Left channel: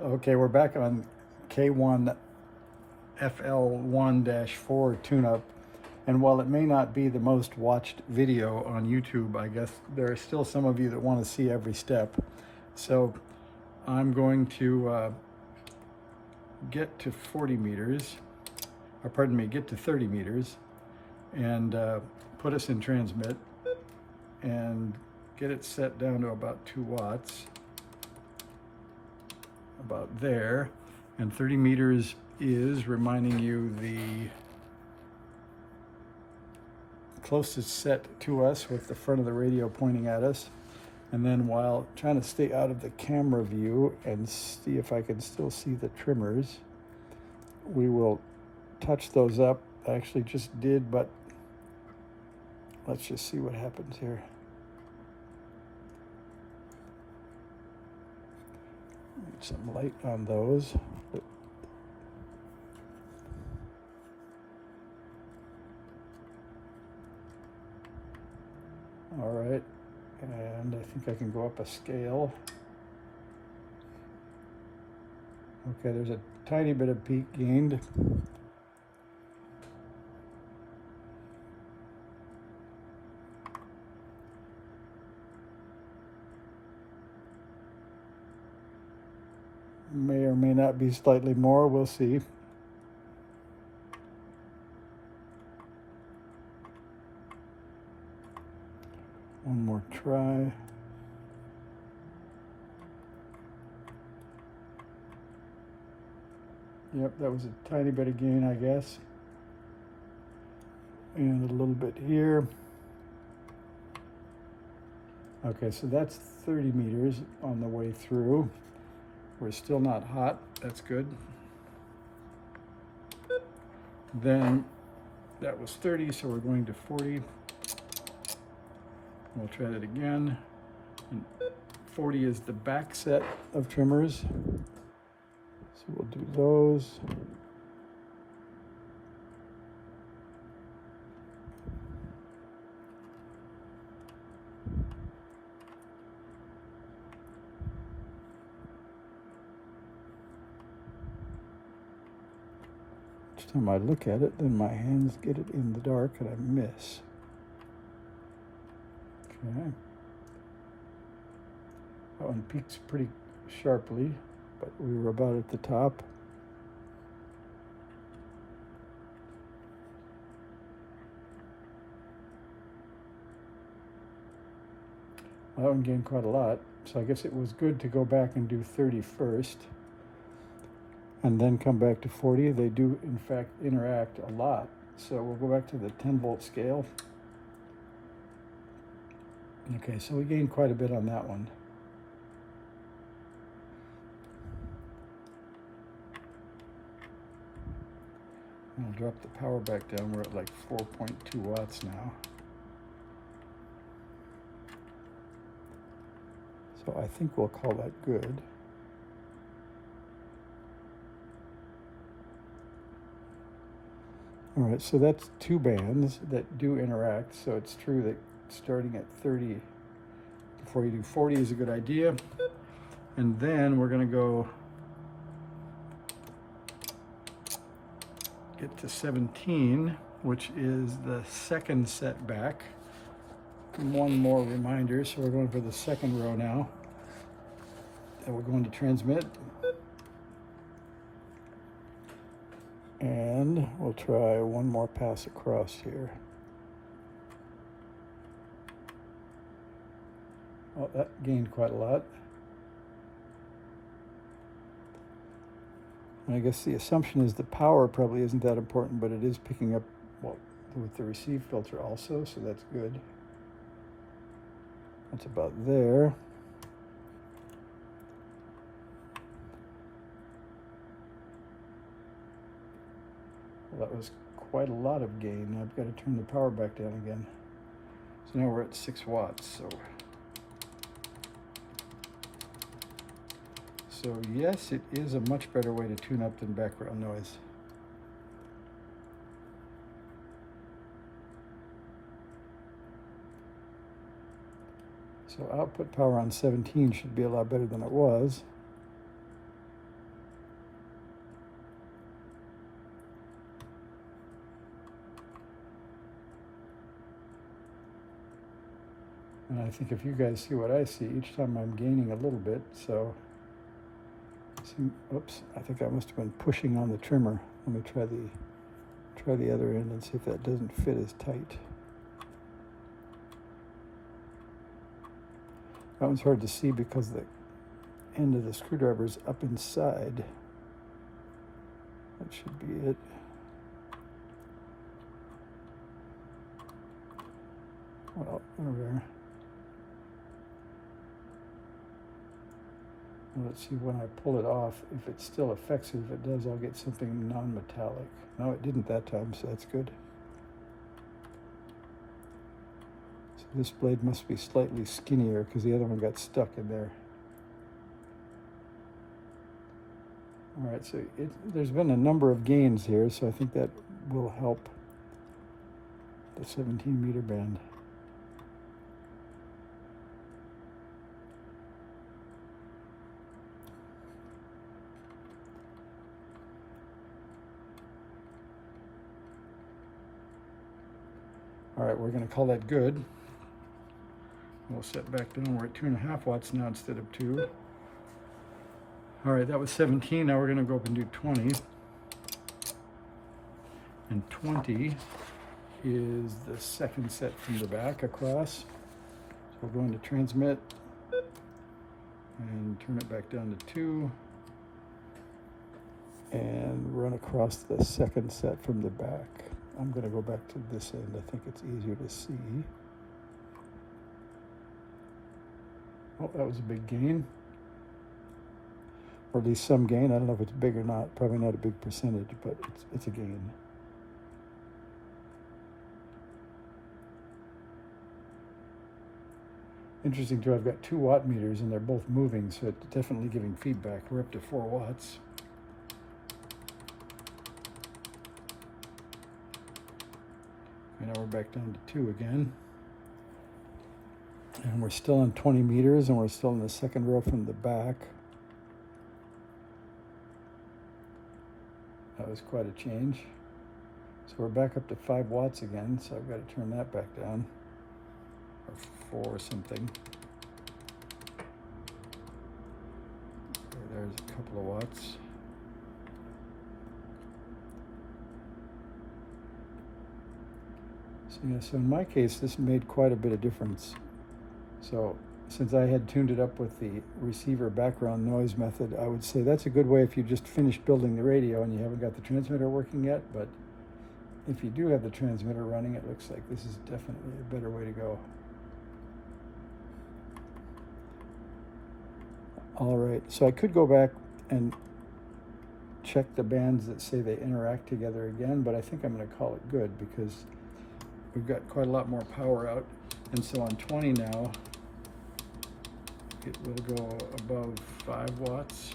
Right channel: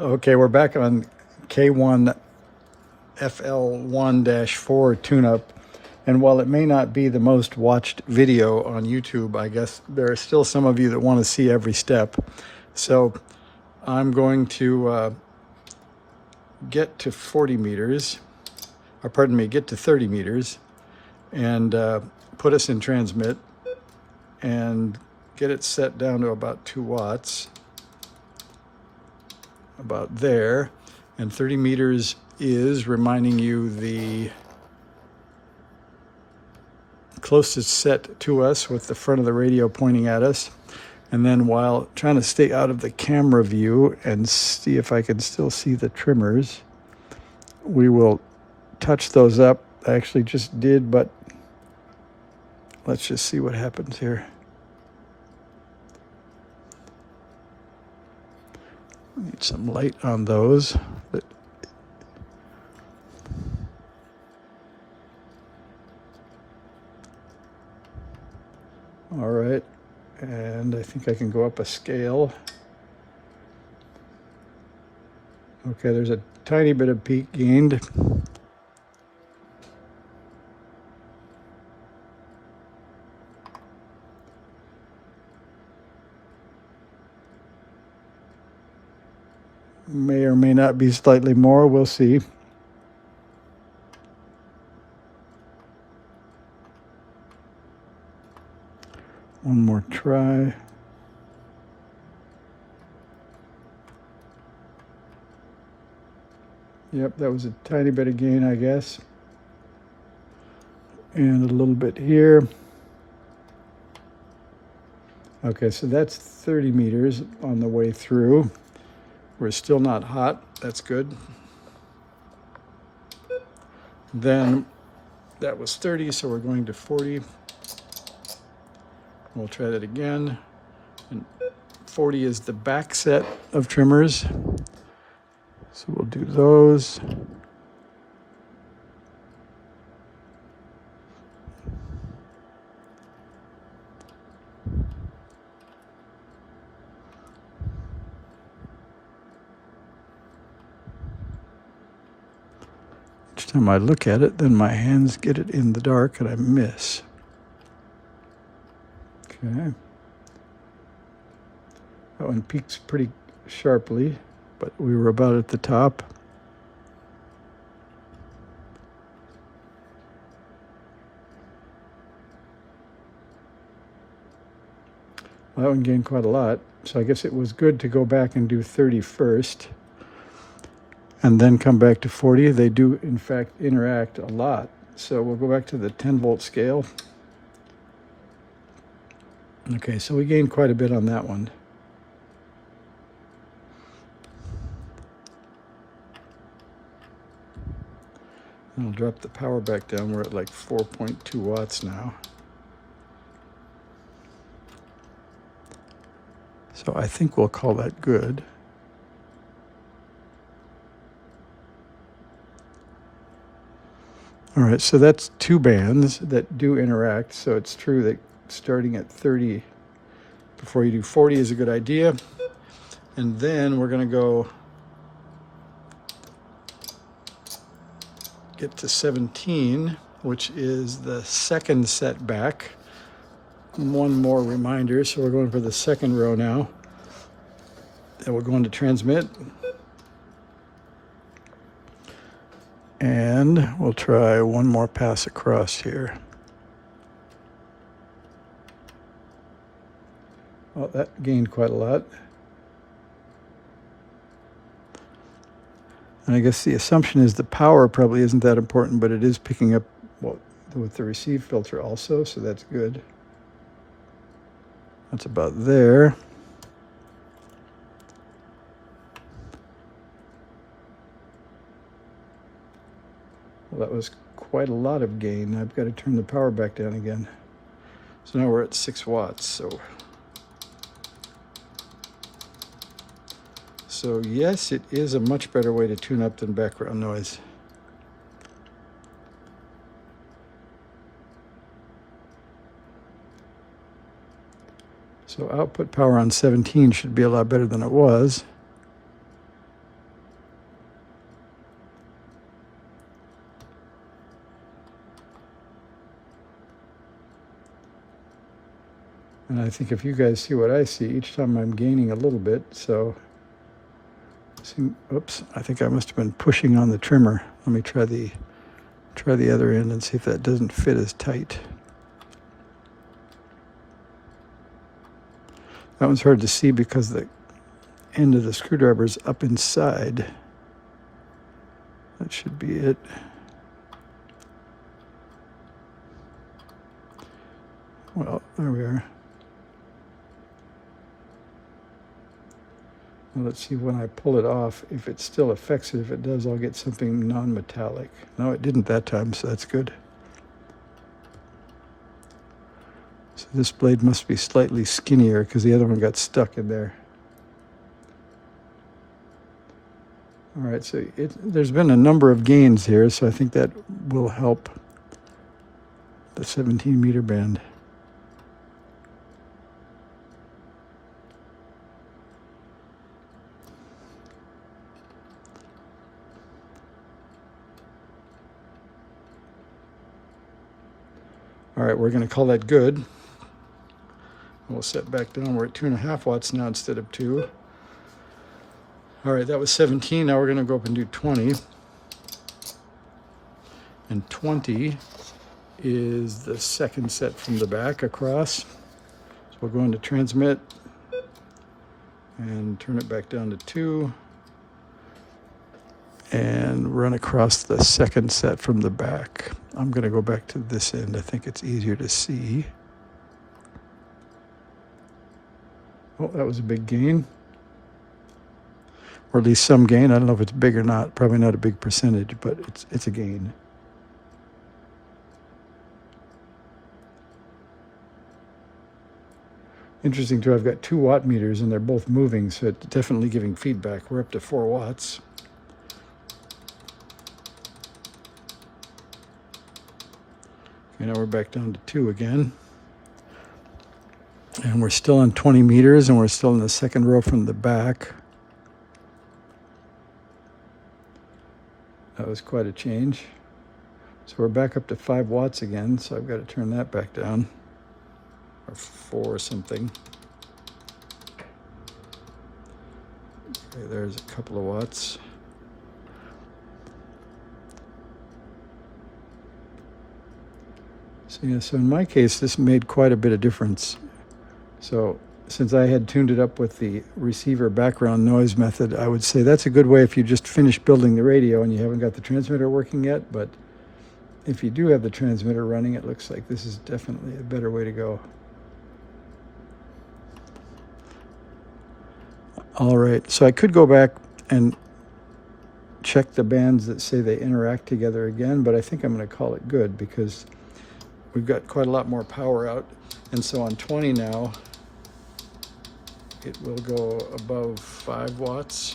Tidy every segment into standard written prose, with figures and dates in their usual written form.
Okay, we're back on KFL1-4 tune-up. And while it may not be the most watched video on YouTube, I guess there are still some of you that want to see every step. So I'm going to get to 40 meters, or pardon me, get to 30 meters and put us in transmit and get it set down to about 2 watts. About there, and 30 meters is, reminding you, the closest set to us with the front of the radio pointing at us. And then, while trying to stay out of the camera view and see if I can still see the trimmers, we will touch those up. I actually just did, but let's just see what happens here. Need some light on those. All right, and I think I can go up a scale. Okay, there's a tiny bit of peak gained. May or may not be slightly more, we'll see. One more try. Yep, that was a tiny bit of gain, I guess. And a little bit here. Okay, so that's 30 meters on the way through. We're still not hot, that's good. Then that was 30, so we're going to 40. We'll try that again. And 40 is the back set of trimmers. So we'll do those. Each time I look at it, then my hands get it in the dark and I miss. Okay. That one peaks pretty sharply, but we were about at the top. Well, that one gained quite a lot, so I guess it was good to go back and do 30 first and then come back to 40. They do, in fact, interact a lot. So we'll go back to the 10-volt scale. Okay, so we gained quite a bit on that one. And I'll drop the power back down. We're at like 4.2 watts now. So I think we'll call that good. All right, so that's 2 bands that do interact. So it's true that starting at 30 before you do 40 is a good idea. And then we're going to go get to 17, which is the second setback. One more reminder, so we're going for the second row now. And we're going to transmit. And we'll try one more pass across here. Well, that gained quite a lot. And I guess the assumption is the power probably isn't that important, but it is picking up with the receive filter also, so that's good. That's about there. Well, that was quite a lot of gain. I've got to turn the power back down again. So now we're at 6 watts. So yes, it is a much better way to tune up than background noise. So output power on 17 should be a lot better than it was. And I think if you guys see what I see, each time I'm gaining a little bit. So, oops, I think I must have been pushing on the trimmer. Let me try the other end and see if that doesn't fit as tight. That one's hard to see because the end of the screwdriver is up inside. That should be it. Well, there we are. Now let's see when I pull it off, if it still affects it. If it does, I'll get something non-metallic. No, it didn't that time, so that's good. So this blade must be slightly skinnier because the other one got stuck in there. All right, so there's been a number of gains here, so I think that will help the 17-meter band. All right, we're going to call that good. We'll set back down. We're at 2.5 watts now instead of 2. All right, that was 17. Now we're going to go up and do 20. And 20 is the second set from the back across. So we'll go into transmit and turn it back down to 2 and run across the second set from the back. I'm going to go back to this end. I think it's easier to see. Oh, that was a big gain. Or at least some gain. I don't know if it's big or not. Probably not a big percentage, but it's a gain. Interesting too, I've got 2 watt meters and they're both moving, so it's definitely giving feedback. We're up to 4 watts. Okay, now we're back down to 2 again. And we're still on 20 meters and we're still in the second row from the back. That was quite a change. So we're back up to 5 watts again, so I've got to turn that back down. Or 4 or something. Okay, there's a couple of watts. So yeah, so in my case, this made quite a bit of difference. So since I had tuned it up with the receiver background noise method, I would say that's a good way if you just finished building the radio and you haven't got the transmitter working yet. But if you do have the transmitter running, it looks like this is definitely a better way to go. All right, so I could go back and check the bands that say they interact together again, but I think I'm going to call it good because we've got quite a lot more power out. And so on 20 now, it will go above 5 watts.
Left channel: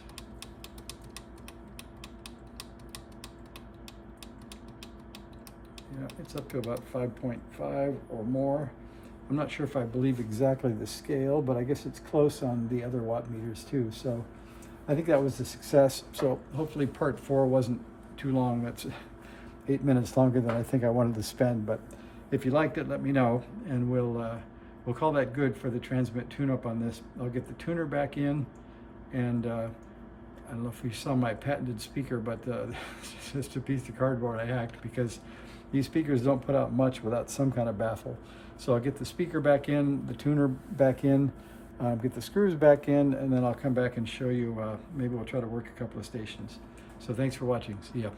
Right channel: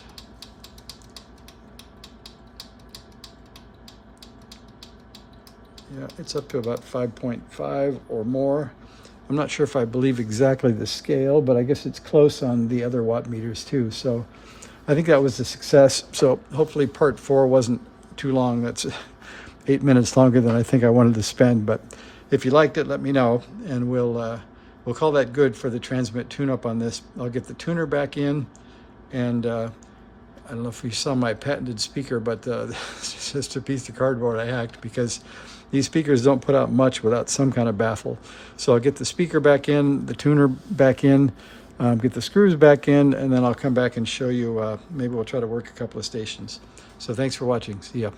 Yeah, it's up to about 5.5 or more. I'm not sure if I believe exactly the scale, but I guess it's close on the other watt meters too. So I think that was a success. So hopefully part 4 wasn't too long. That's 8 minutes longer than I think I wanted to spend. But if you liked it, let me know, and we'll call that good for the transmit tune-up on this. I'll get the tuner back in, and I don't know if you saw my patented speaker, but it's just a piece of cardboard I hacked because these speakers don't put out much without some kind of baffle. So I'll get the speaker back in, the tuner back in, get the screws back in, and then I'll come back and show you, maybe we'll try to work a couple of stations. So thanks for watching. See ya.